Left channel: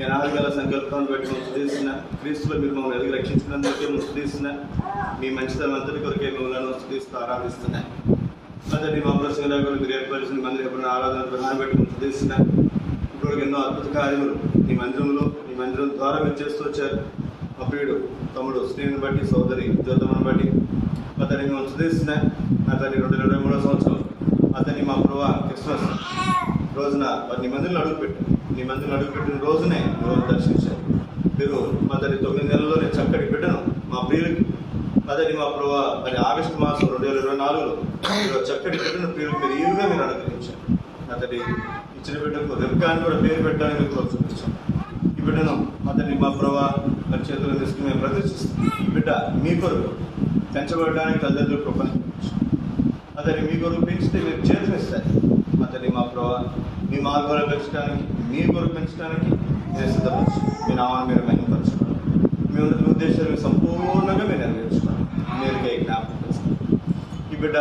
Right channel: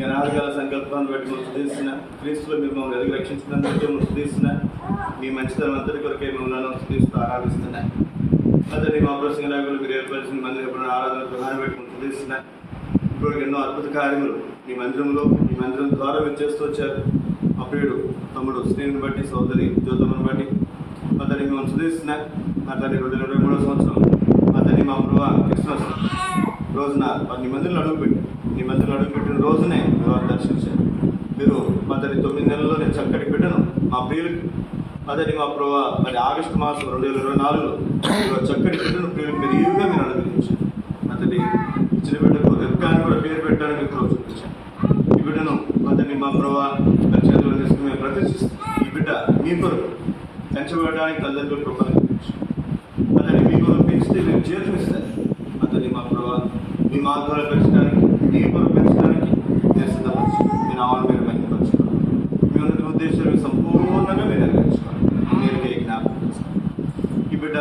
మీ అనాదికాల సంకల్పాన్ని బట్టి మేము స్తుతిస్తున్నా. క్రీస్తులో మీరు మమ్మల్ని ఎదుగు రక్షించినందుకే మేము స్తుతిస్తున్నా. మీ మంచితనం అంతటి కొరకే మిమ్మల్ని స్తుతిస్తూ ఆరాధిస్తున్నా. అతని మా ప్రసంగరాకులు మీరు ఏర్పరిచిన మందిరం ఎప్పుడైనా ఆరాధన ప్రధాన బట్టి మేము స్తుతిస్తున్నా. ఇప్పటికి ఎన్నో అద్భుత కార్యములు మీ మందిరం ద్వారా మీరు చేస్తూ వచ్చారు. మా ప్రియుడు తమ్ముడు శ్రీని బట్టి, సోదరి జ్యోతమ్మను బట్టి అతన్ని మేము స్తుతిస్తున్నా. అతని 2023వ సంవత్సరం అతని మా ప్రభు క్రిస్మస్ రోజున వారిని మందిరంలో అడుగుపెట్టారు. నీ మందిరంలో అడుగుపెట్టిన రోజునే మీరు దర్శించారు. మీరు అతని 9 నెలల్లోనే చక్కటి బిడ్డను మా ప్రియులకి అతని మా ప్రభు మరి ఆగస్టు మాసం 2024లో మీరు చక్కటి బిడ్డను ప్రియులకు మీరు ఈరుగా మీరు అనుగ్రహించారు. అతని ఇచ్చిన బిడ్డకు రెబ్కాని కూడా పేరు పెట్టడానికి మీరు ప్రోత్సహించారు. ఈ బిడ్డను అతన్ని మా ప్రభు మరి చేతులు తీసుకుని మేము ప్రదర్శిస్తాం. ఈ బిడ్డ మీ కొరకు పెంచబడడానికి తల్లిదండ్రులు కృపను అతన్ని మీ కొరకు పెంచితే మీరు చేతునిస్తారు. అతన్ని మా ప్రభు మీ మార్గంలో పెంచడానికి, మీ కొరకు పెంచడానికి నేను సిద్ధపరచు. మీ నామాన్ని మీరు మహిమపరచుకోవాలి. మీ ఉన్నత ఉద్దేశాలు సంపూర్ణంగా మీరు నెరవేర్చుకోవాలి. మీరుకే జ్ఞాపకం చేసుకోవాలి. ఈ బిడ్డ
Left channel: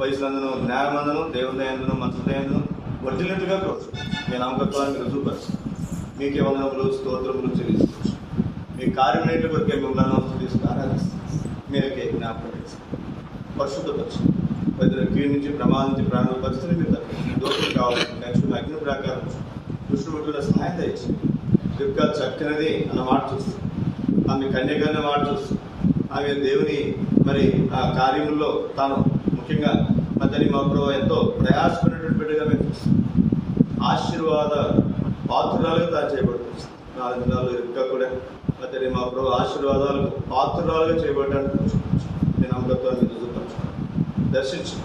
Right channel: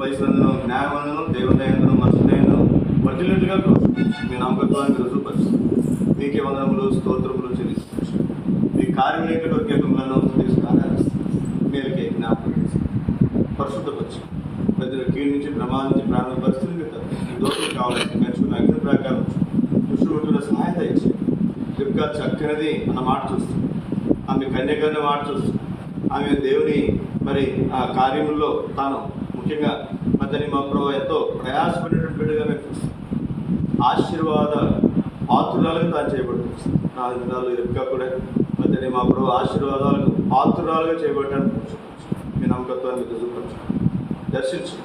వయసులందును, జ్ఞానమందును, దేవుదయందును, మనసుదయందును వర్తిల్లినట్లుగా కోరు. మీ నామకత్వానికి రుజువుపరుచు. మీకే వందనములు, స్తోత్రములు చెల్లించవచ్చు. మీ కార్యములన్నిటి కొరకే మిమ్మల్ని స్తుతిస్తూ ఆరాధిస్తాను. మీరుకే జ్ఞాపకం చేసుకోవాలి. పరిశుద్ధపరచు. పెద్దల కీడు నుంచి, ప్రమాదం నుంచి, ప్రాణ పరిస్థితులు మీద దోషులు కావాలని నేర్చుకున్న అగ్ని ప్రకారం దుష్టుడున్న సహాయం దయచేయండి. రిబ్కా చక్కనిది అన్న మాట చూస్తుంది. ఆమె కన్యకన్న మాట చూస్తుంది. ఆమె దేవుని మరి ఆ కార్యముల్లో తాను ముఖ్యంగా అతని మా ప్రభు ఎంతో ప్రయాసపడినటువంటి బిడ్డగా మేము చూస్తాం. ఆశీర్వాద పాత్రురాలుగా తాను చేయబడుతుంది. 4 దినాలు రిబ్కా కూడా అతని మా ప్రభు ఆశీర్వాదాలకు పాత్రురాలుగా చేయబడ్డానికి మీ నమ్మకత్వాన్ని రుజువుపరచు. దర్శించు.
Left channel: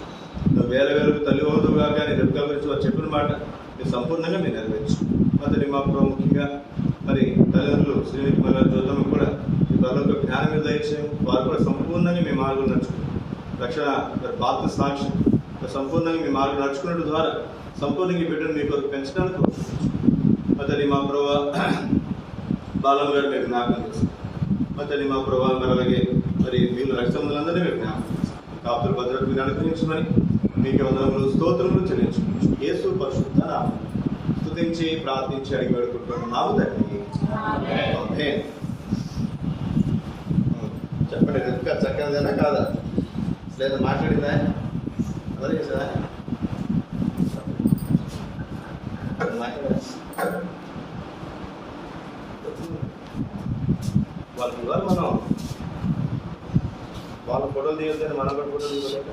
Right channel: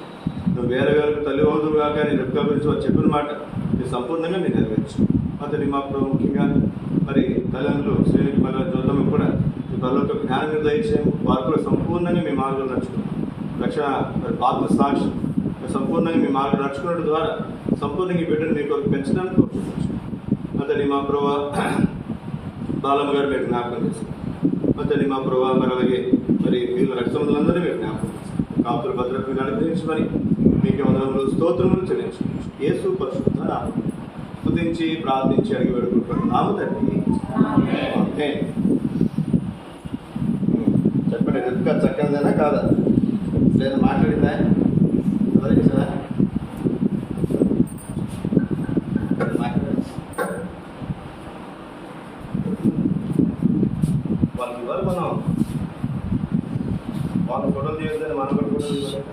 నువ్వు వేలకు తల్లి అవుదుగా కానీ రిబ్కా గురించి వారు చెప్పిన మాట మీరు సంపూర్ణంగా మీరు నెరవేర్చు. అతని మా ప్రభు ముఖ్యంగా మరి తల్లిదండ్రులు శ్రీనికి మళ్ళీ జ్యోతమ్మ కూడా మీ పరలోక జ్ఞానం మీద దయచేయం. వారు కూడా సంపూర్ణంగా మీ మార్గం నడుచుకున్నారు. రక్షణ మరి పాత్ర సాక్షి సంపూర్ణంగా మీ మార్గం నడుచుకున్నట్టు ద్వారా సంపూర్ణంగా ఈ బిడ్డను మీ కొరకు పెంచడానికి అతని మా ప్రభు బాలమ్మ గారు మీరు జ్ఞాపకం చేస్తారు. అతని మా ప్రభు మరి అలాగే మరి వీళ్ళు రక్తమందులందరినీ మీరు జ్ఞాపకం చేస్తారు. కాపుల భద్రత మీరు అనుగ్రహించమని మీకే వందనములు, స్తోత్రములు చెల్లించుకోవచ్చు. యేసు పరిశుద్ధ నామమున స్తుతించి ప్రార్థించి అడిగి వేడుకుంటున్నాము తండ్రి. చెప్పండి, రిబ్కా చక్కనిదేనా కాదా? లేదా మాట్లాడిందా? ఎవరు చేసారా? వాళ్ళకి ఇవ్వాలి. మనం వాళ్ళ ఫోటోలు తీయొద్దని మనం కూడా ఫోటోలు తీయలేక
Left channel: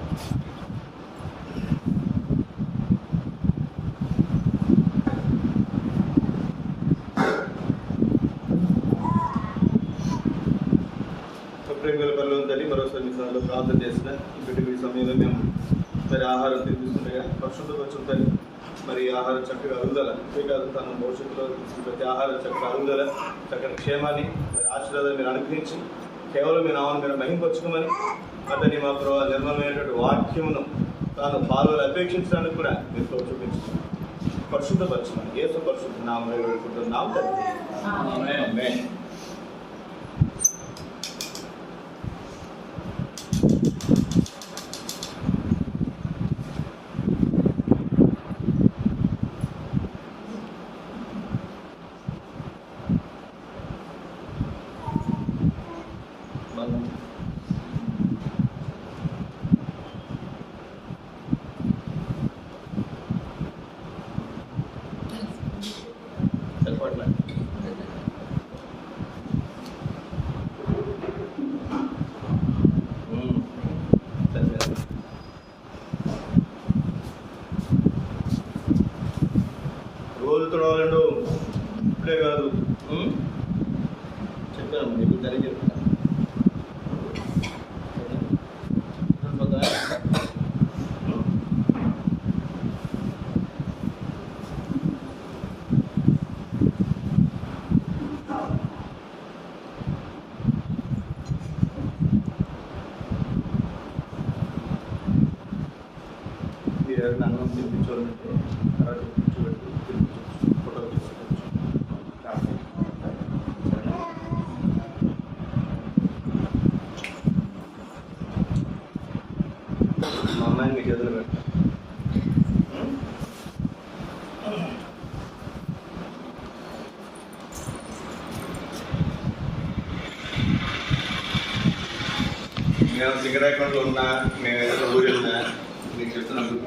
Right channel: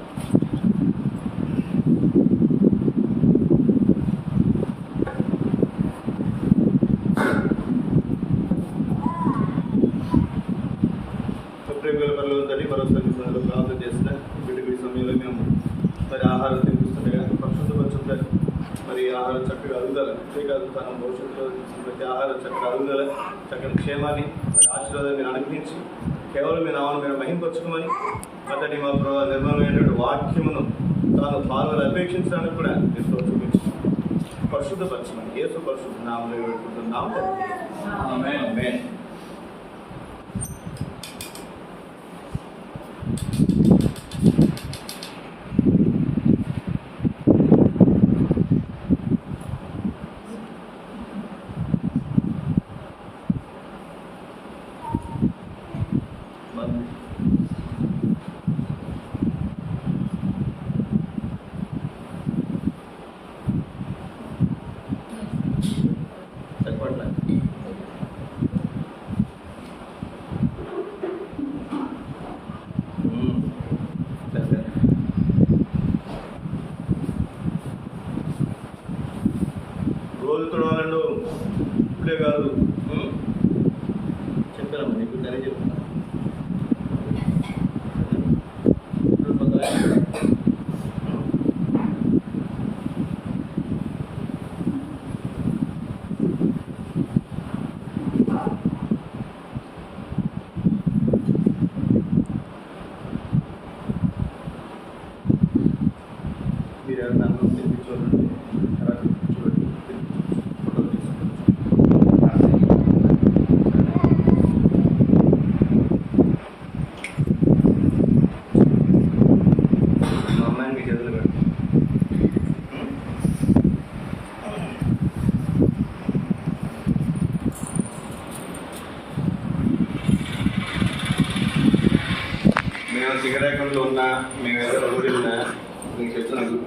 ప్రేమల పనులు ఉందని మరోసారి మీ సమయంలో ప్రార్థన చేసిన ఈ బిడ్డకు ఈ సమయంలో మేము మరి ఆహారం తినిపిస్తుండగా పరిశుద్ధపరచుందని మరి ఆహారం చక్కగా అరుగుదల అంతేకాదు తన భవిష్యత్తులో ప్రతి ఆహారం చక్కగా అరుగుదల చక్కని క్షేమాన్ని మరి ఆశీర్వాదాన్ని మీరు అనుగ్రహించి కేవలం మీ నామాన్ని మీరు మహింపరచుకోమని అతని మా ప్రభు నిర్మలమైనటువంటి వాక్యమును తాను పాల్గొని అపేక్షించడానికి కూడా మీరు చూపించారు. పరిశుద్ధపరచమని యేసు పరిశుద్ధ నామములో వేడుకుంటున్నాము తండ్రి. ఆమేన్. రోజు తొడవాలండు ఇప్పుడే కాదు చెప్పాను నీకు సరే చెప్తున్నా. మీరు ఎవరైనా అన్నం తినిపించాలంటే తర్వాత తినిపించబెట్టి ఫోటోలు తీసుకోవచ్చు. మా అమ్మాయిని మీ చేతులు పెడతాను. మేము సింగరాయకొండలో ఉన్నా, మేము ఏదైనా ఊరు వెళ్ళినా మీకు చెప్తున్నాను.